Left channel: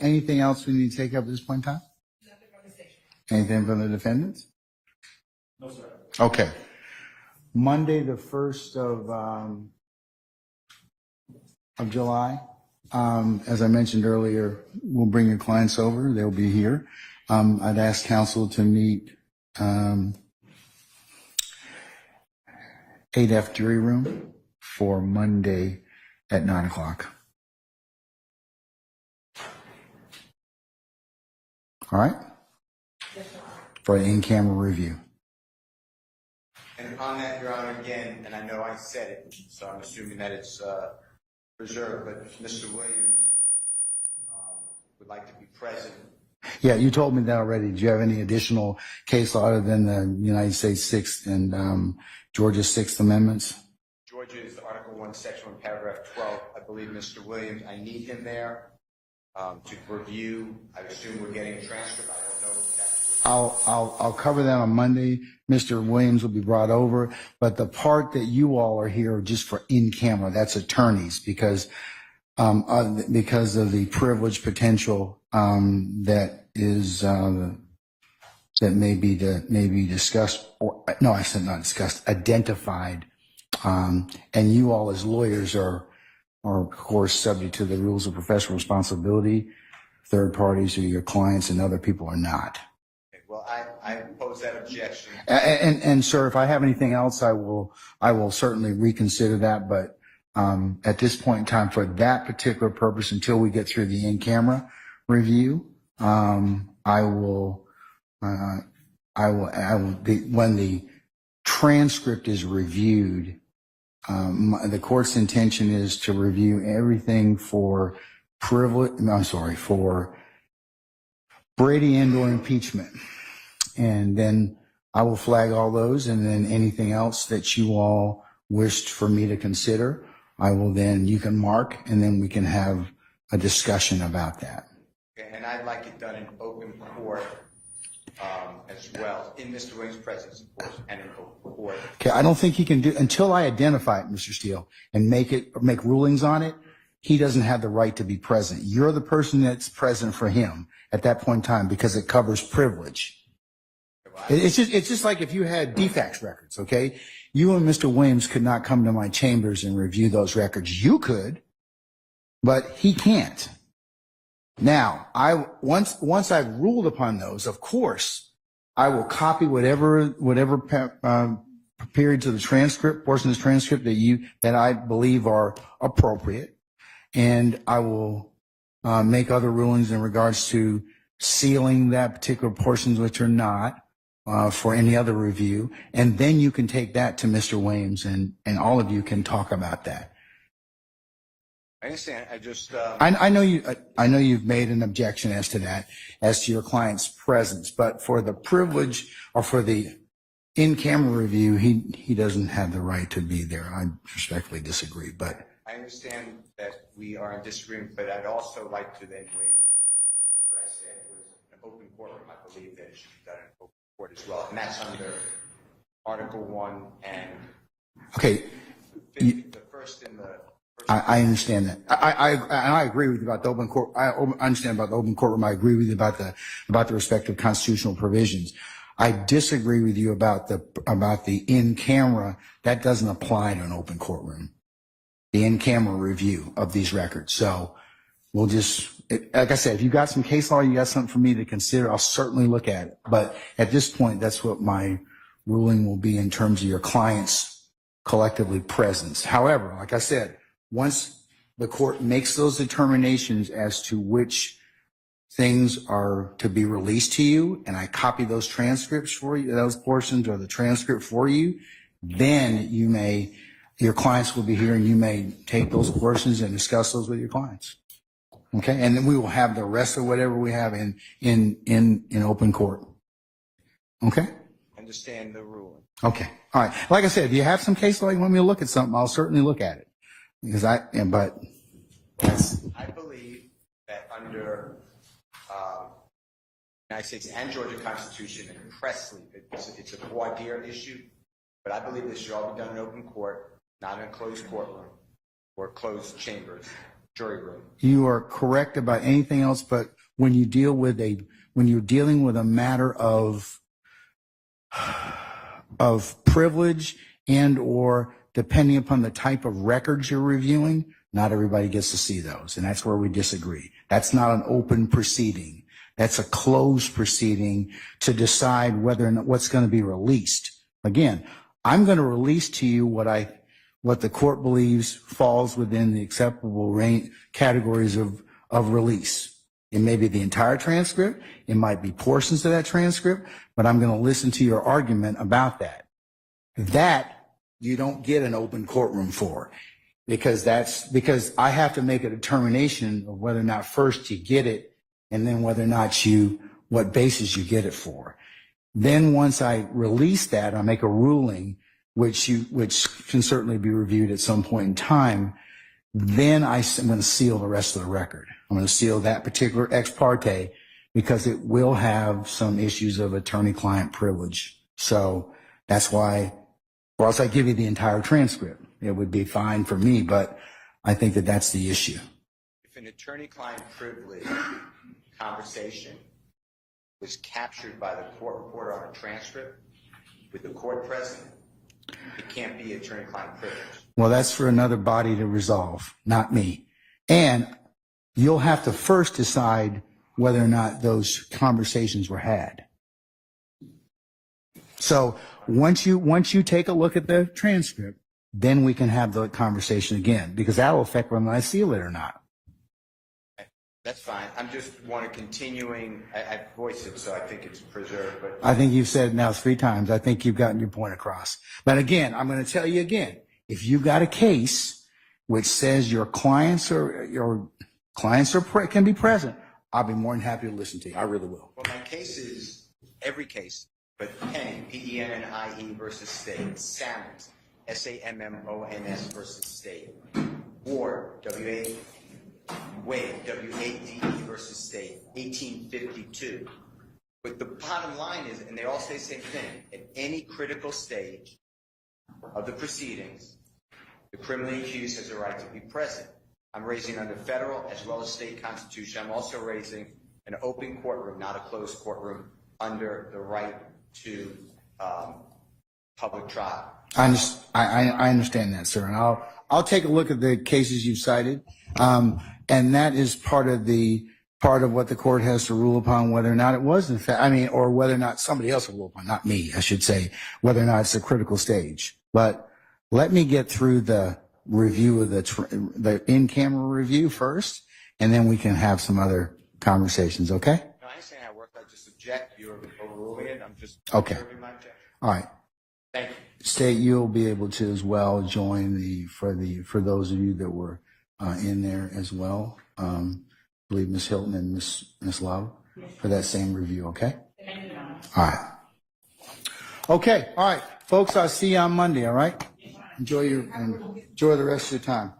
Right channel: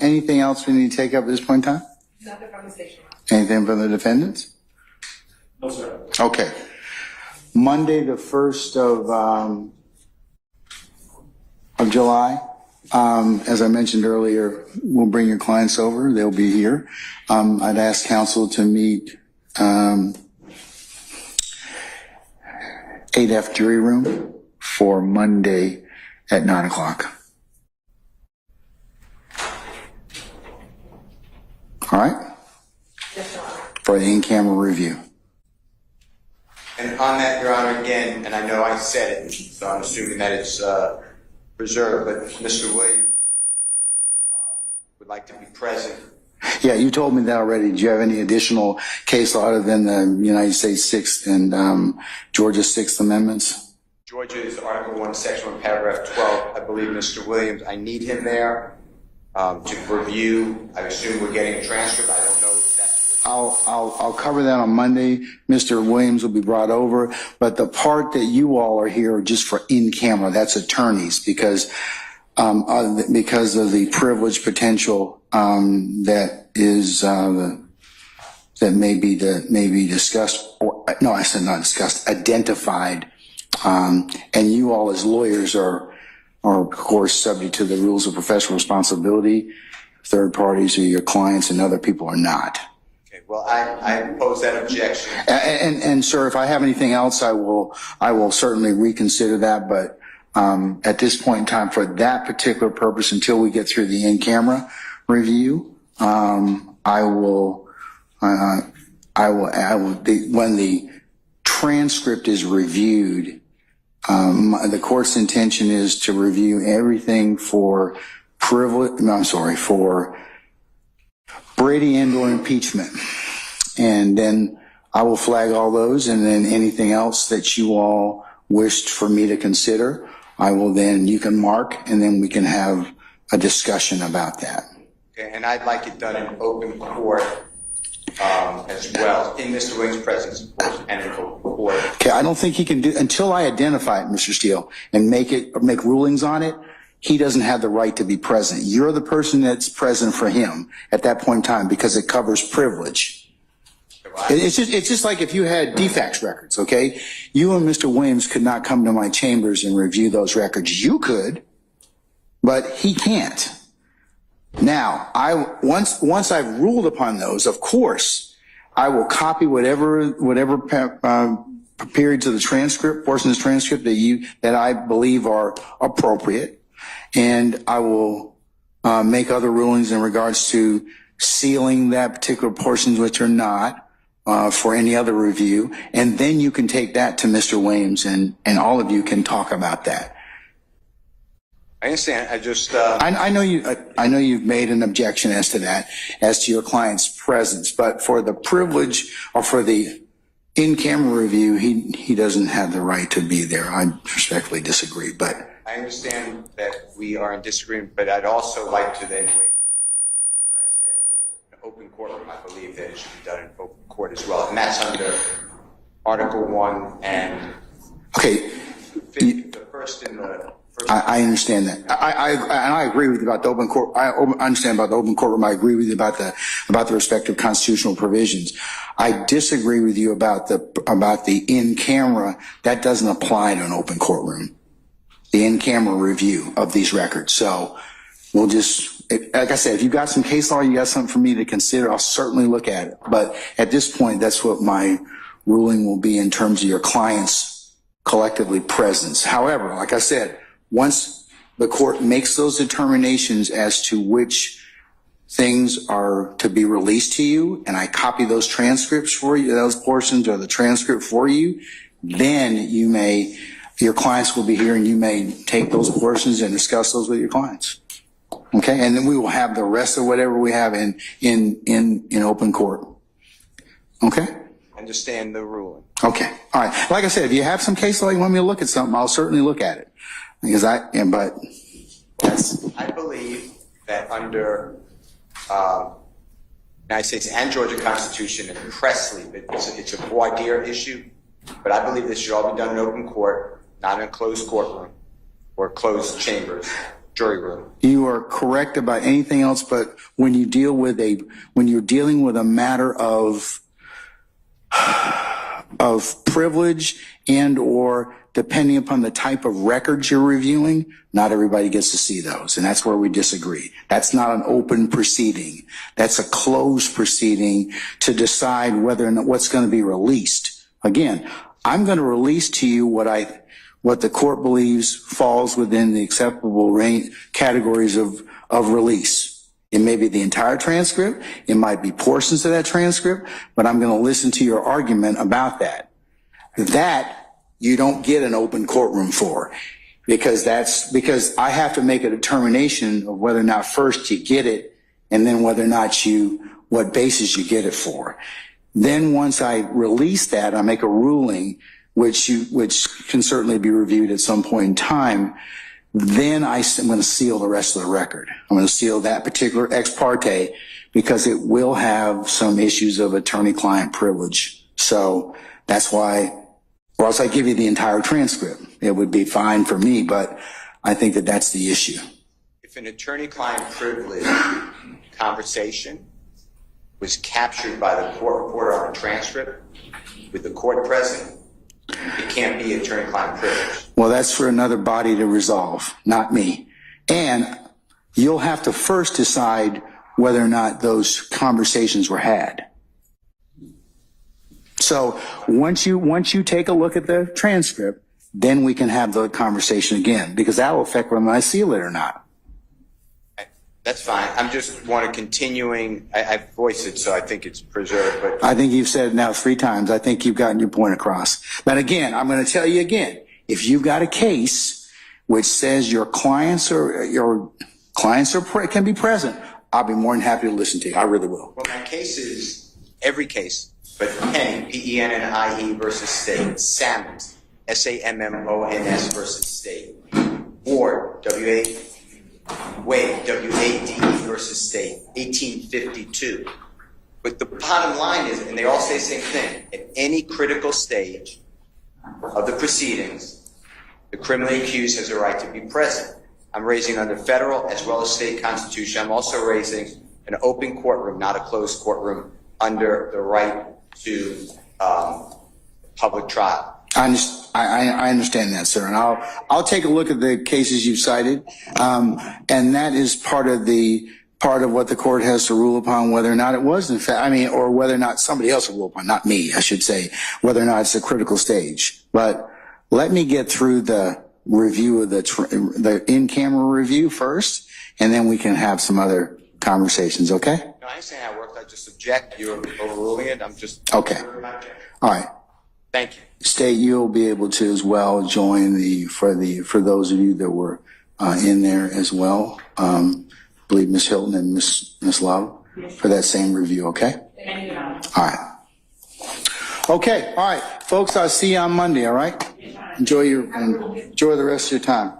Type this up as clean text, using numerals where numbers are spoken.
Anything else we need to take up at this point in time? Nothing from the station. Anything from the defendants? No, sir. Okay. Monday, the 1st of July. As I mentioned earlier, we'll bring your clients over. They'll be here. I'd ask counsel to meet 8F jury room for Monday at 9 o'clock. All right? Yes, Your Honor. For the in-camera review. And on that, Your Honor, again, and I know I said it, so I'm assuming that it's preserved, but Mr. Williams would like to be present. Yeah, you told me that already. Do you have any additional case law other than the United States 6th and Georgia's 6th Amendments? Georgia's Article 1, Section 1, Paragraph 12. I believe Mr. Williams, I need him there to review. I assume we're getting a transcript. I don't know if that's what... I'll cover that on Monday. Mr. Williams will be brought over, but the part that you all are here just for in camera, that's attorneys, because of the privilege potential that is that may be discussed, or no, I said not discussed, identified, and you all as lawyers are of course subject to the rules of professional responsibility. Third parties or your clients and other people are not. Well, I oppose that objection. And sir, if I have anything else, I will certainly reconsider that. But at this point in time, for that particular purpose, until we get through the in-camera review, when the transcript is reviewed, the court's intention is to review everything for for Brady and/or impeachment. And then I will flag all those, and then anything else that you all wished for me to consider, you can mark, and then we can have a discussion about that. Okay, and I'd like it done in open court as well, in Mr. Williams' presence, of course, and in open court. Okay, I don't think he can do, until I identify it, Mr. Steele, and make rulings on it, he doesn't have the right to be present. You're the person that's present for him at that point in time because it covers privilege. It's just like if you had defects records, okay? You and Mr. Williams could not come to my chambers and review those records. You could, but he can't. Now, once I've ruled upon those, of course, I will copy whatever periods of the transcript, portions of the transcript that I believe are appropriate, and I will make other rulings in regards to sealing that particular portions which are not for any other review, and then you can take that to Mr. Williams, and all of you can talk about that. I understand. I just I know you've made an objection as to that, as to your client's presence, but for the privilege or for the in-camera review, he doesn't have the right to be there. I respectfully disagree, but I understand that we are in disagreement, but I'd also like to then waive what I said was an open courtroom. I believe that it should be done in open court as well, and that's under Article 1 and okay. the first in the. I understand that. I agree with you about the open court. I understand about the open courtroom. I agree with you about the respective constitutional provisions. I disagree with you about the in-camera. That doesn't apply to an open courtroom. The in-camera review of these records. So we'll just, like I said, if you got some case law, you got something for me to consider, I'll certainly look at it. But at this point, that's what my ruling will be in terms of your client's collectively presence. However, like I said, once the court makes those determinations as to which things are to be released to you, and I copy those transcripts for you, those portions or the transcript for you, then your clients will be here and you may take those portions and discuss those with your clients. Okay, and then we will have the rest of whatever we have in open court. Okay? Understand the ruling. Okay, all right. Like I said, if you have some case law, you want me to look at something, I'll certainly look at it. Because I believe that under United States and Georgia Constitution and Presley, it's a voir dire issue, but I believe this should all be done in open court, not in a closed courtroom or closed chambers. jury room. You are correct about anything else, but when you're dealing with a matter of privilege and or depending upon the type of records you're reviewing, not everybody gets to see those. And that's where we disagree. That's not an open proceeding. That's a closed proceeding to decide whether or not what's going to be released. Again, I'm going to release to you what the court believes falls within the acceptable range categories of release. It may be the entire transcript. It might be portions of that transcript, but I'm going to listen to your argument about that. That you don't get an open courtroom for, because I have to make a determination of whether or not first you get it and then whether or not what basis you get it for. Then once I release that, I make a ruling which can certainly be reviewed at some point in time. Then I'm going to seal the rest of the record. I'm going to seal that particular ex parte because it will have some issues of attorney-client privilege. So that's why, or else I give you the entire transcript. It would be fine for me, but I think that that's the issue. If an attorney-client privilege conversation was captured by the court reporter on a transcript with the court present, it can't be attorney-client privilege. Well, that's for another body to resolve, not me. And you'll have to first decide whether or not those conversations were had. So once you take a look at the transcript, then we can have the conversation again, because that will affect whether I seal it or not. That's fine. I'm just want to continuing. I voiced it, so I think it's preserved. But I think you've said it now 3 times. I think you've gotten your point across. But again, I'm going to tell you again, if you've got a case which says your clients can be present, I'll be more than happy to listen to you. I really will. Well, my case is every case, but Penny, P-E-N-N-I-E versus State, Sammons, S-A-M-M-O-N-S versus State, Ward, W-A-D-E versus State, 1852. But the bottom line is, and they all say the same thing, at any critical stage of the proceedings, the criminally accused has a right to be present. I'm raising under federal as well as state constitution. I'm also raising an open courtroom, not a closed courtroom, under the right to public trial. I understand that, sir, and I'll take a look at the cases you've cited, and that is part of what the court has to rule upon, whether or not it was in fact, or whether or not somebody else will rule upon, not me, I should say, whether or not it's a critical stage. But let me get through the review of the in-camera review first, and then we can have some other conversations. Okay? No, I understand how it works. I just object. You're overruling it. I'm just okay. All right. Thank you. State, you'll be able to as well join for those of you that were in there as well. I believe Ms. Hilton and Ms. Love for that same review. Okay. All right. Okay. All right, folks. I'll see you on Monday. All right. Enjoy the rest of your time.